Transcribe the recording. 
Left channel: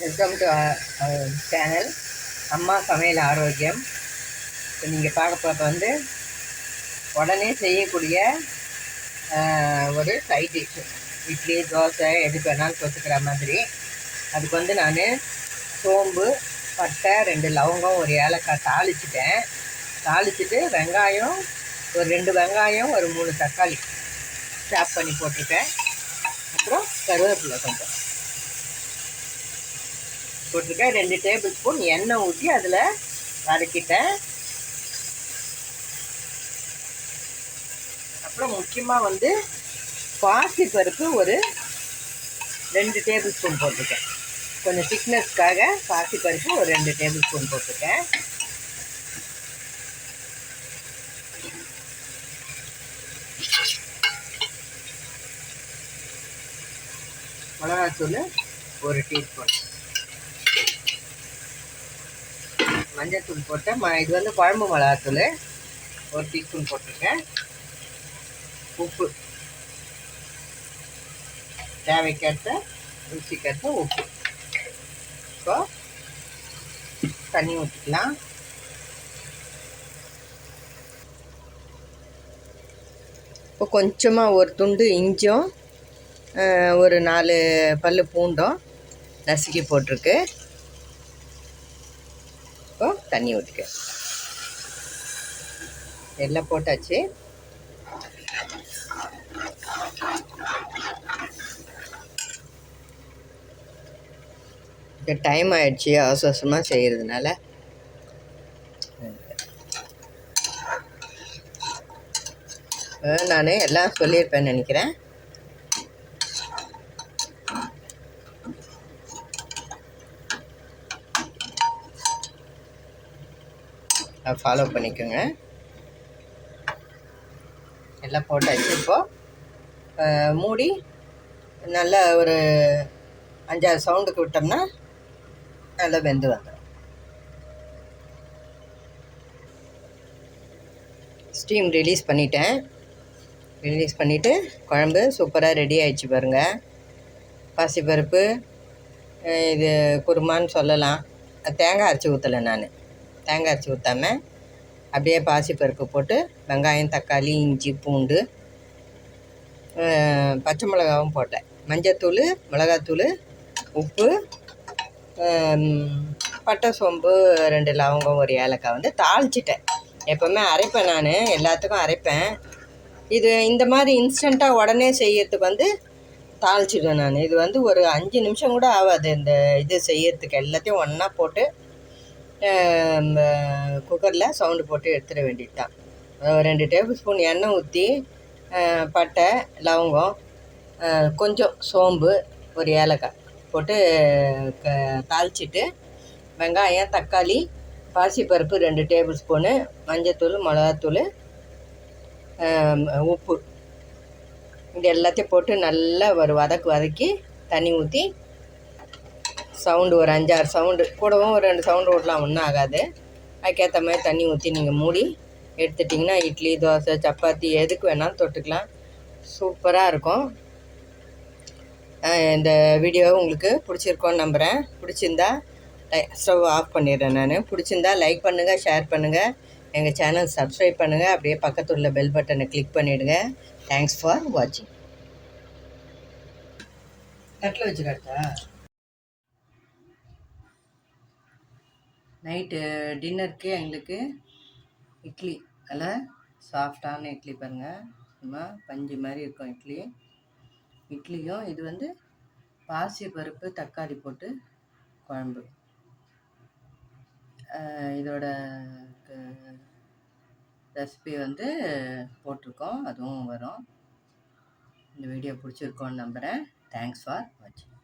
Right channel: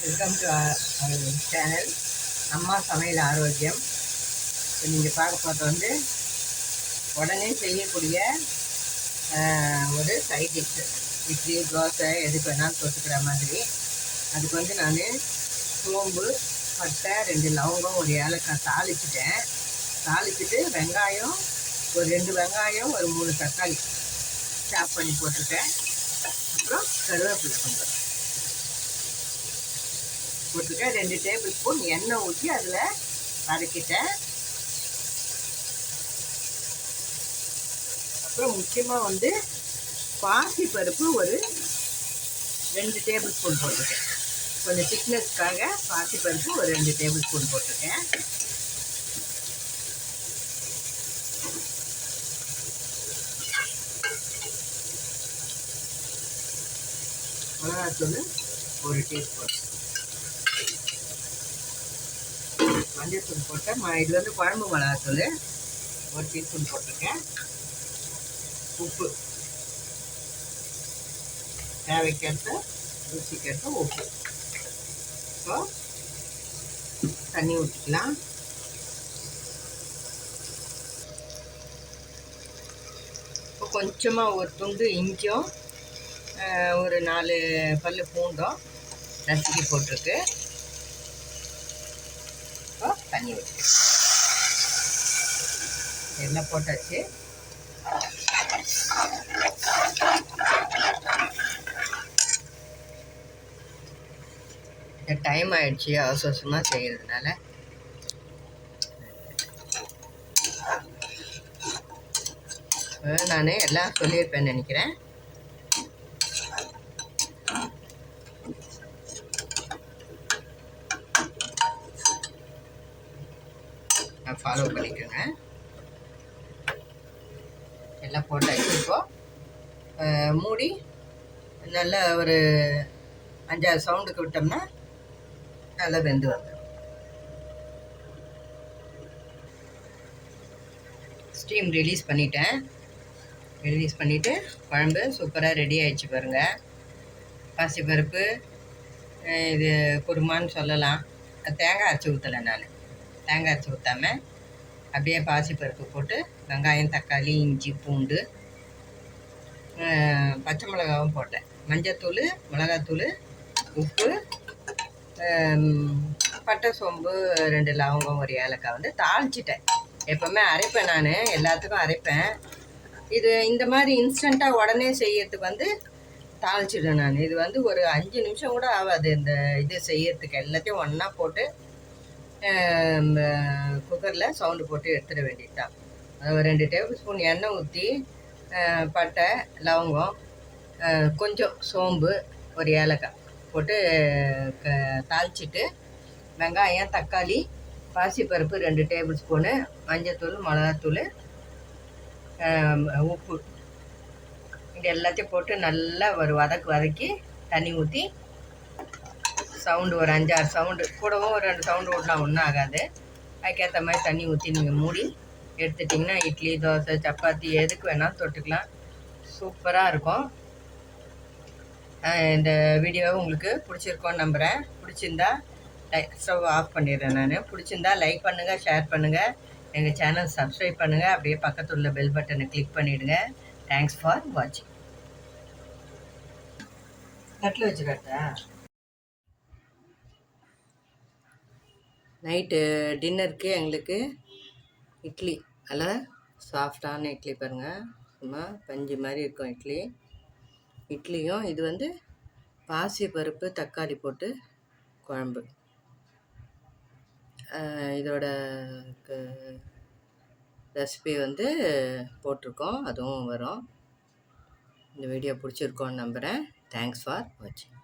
Welcome to channel அம்மா சமையல் ஆரோக்கியம். இப்போ நீங்கள் பார்க்க போகிறது வந்து உடனே செய்யக்கூடிய ஒரு சைட் டிஷ்ஷு. இட்லி தோசை எதுக்கு வேணாலும் தொட்டுக்கிற மாதிரி. அதுக்கு வந்து நான் சோம்பு, பட்டை, 2 லவங்கம், ஒரு ஏலக்காய் தாளிச்சிட்டு வெங்காயம் ஒரு 2 வெங்காயம், ஒரு 3 தக்காளி சாப் பண்ணி போட்டுருக்கேன். அப்புறம் கருவேப்பிலை கொஞ்சம் போட்டிருக்கேன். 2 டேபிள் ஸ்பூன் எண்ணெய் ஊற்றி அதில் வதக்கிட்டேன். அப்புறம் முக்கியமாக வந்து பாசி பருப்பு ஒரு 2 டேபிள் ஸ்பூன் போட்டிருக்கேன். கொஞ்சம் திக்னஸ்க்காக பாசி பருப்பு ஒரு 2 டேபிள் ஸ்பூன் போட்டிருக்கேன். மிளகாத்தூள் ஒரு டீஸ்பூன், மஞ்சள்தூள் போட்டேன். இது வந்து குழம்பு மிளகாத்தூள் ஒரு டீஸ்பூன் போட்டிருக்கேன். உப்பு தேவைக்கேற்ற ருசிக்கேற்ற உப்பு. இப்போ தண்ணி ஊற்றிக்கலாம். இப்போ கொஞ்சமாக ஒரு துண்டு இஞ்சும் ஒரு 4 பல் பூண்டும் நசுக்கி போட்டிருக்கு. இப்போ தண்ணி ஊற்றிக்க எல்லாம் போட்டாச்சு. டைம் ஆயிடுச்சு அவசரமாக செய்கிறதுனால. நான் எல்லாம் சொல்லியிருப்பேன்னு நினைக்கிறேன். ஃபாலோ பண்ணிக்கோங்க. எல்லாம் போட்டாச்சு. இப்போது மூடி நல்லா ஒரு 5-6 சவுண்டுக்கு விட்டோம்னா நல்லா வெந்து வந்துடும். ஸ்டீம் ரிலீஸ் பண்ணிவிட்டு குழம்பு சூப்பராக ரெடி ஆகிடுச்சு பாருங்கள். பாசிப்பருப்பு இது குருமான்னு சொல்லலாம். தேங்காய் அரைச்சி ஊற்றலை. நான் தேங்காய் அரைச்சி ஊற்றாமல் அப்படியே பாசிப்பருப்பு போட்டு வெங்காயம், தக்காளி, இஞ்சி, பூண்டு, பச்சை மிளகாவும் போட்டேன். மஞ்சத்தூள், மிளகாத்தூள், உப்பு, பட்டை, சோம்பு, 2 லவங்கம், ஒரு ஏலக்காய் வந்து தாளிச்சிட்டேன். எப்போவுமே அரைப்பேன், நான் எல்லாத்துக்கும் அரைப்பேன். இது இந்த மாதிரி இன்ஸ்டண்ட்டாக உடனே செய்யறதுக்கு வந்து தாளிச்சிடுவேன் நான். இது வந்து ஒரு 5 நிமிஷம் கூட ஆகாது இந்த இது செய்யறதுக்கு. எல்லாத்தையும் ஒன்றா போட்டு குக்கரில் சவுண்டு போட்டு எடுத்துட வேண்டியது தான். 2 டேபிள் ஸ்பூன் எண்ணெய் ஊற்றி பட்டை, லவங்கம், கொஞ்சம் சோம்பு, ஒரு ஏலக்காய் போட்டு தாளிச்சிட்டு வெங்காயம், தக்காளி, பாசிப்பருப்பு 2 டேபிள் ஸ்பூனு, மஞ்சத்தூள், மிளகாத்தூள், உப்பு, இது எல்லாத்தையும் போட்டு நல்லா ஒரு வதக்கி தண்ணி ஊற்றி சவுண்டு ஒரு 5-6 சவுண்டு, கூடவும் ஒரு 2 சவுண்டு விடலாம், ஒன்றும் ஆகாது. அதுக்கேற்ற மாதிரி தண்ணி ஊற்றி நீங்கள் மூடி எடுத்துட்டிங்கன்னா இட்லி, தோசை, சப்பாத்தி எதுக்கு வேணாலும் தொட்டுக்கலாம். சூப்பராக இருக்கும். இந்த வீடியோ உங்களுக்கு பிடிச்சிருக்கோன்னு நம்புகிறேன். பிடிச்சிருந்தா ஸ்டவ் ஆஃப் பண்ணிடுறேன் நான். பிடிச்சிருந்தா லைக் பண்ணுங்கள், ஷேர் பண்ணுங்கள், எங்கள் சேனல் சப்ஸ்கிரைப் பண்ணுங்கள். அப்படியே பக்கத்தில் உள்ள பெல் பட்டனை கிளிக் பண்ணிவிடுங்க. தேங்க்ஸ் ஃபார் வாட்சிங். தட்டில் வச்சுக்கிட்டா நைட்டு டின்னருக்கு எங்களுக்கு இட்லி, நல்லா சாஃப்டான இட்லி பாருங்கள். சும்மா பஞ்சு மாதிரி இருக்கும் இட்லியும். இது வந்து பாசி பருப்பு, தக்காளி போட்டு குழம்பு. இதோட ரெசிபி வந்து போட்டிருக்கோம், அதுவும் வரும். இந்த வீடியோ பிடிச்சிருக்கோன்னு நம்புகிறேன். தேங்க்ஸ் ஃபார் வாட்சிங்.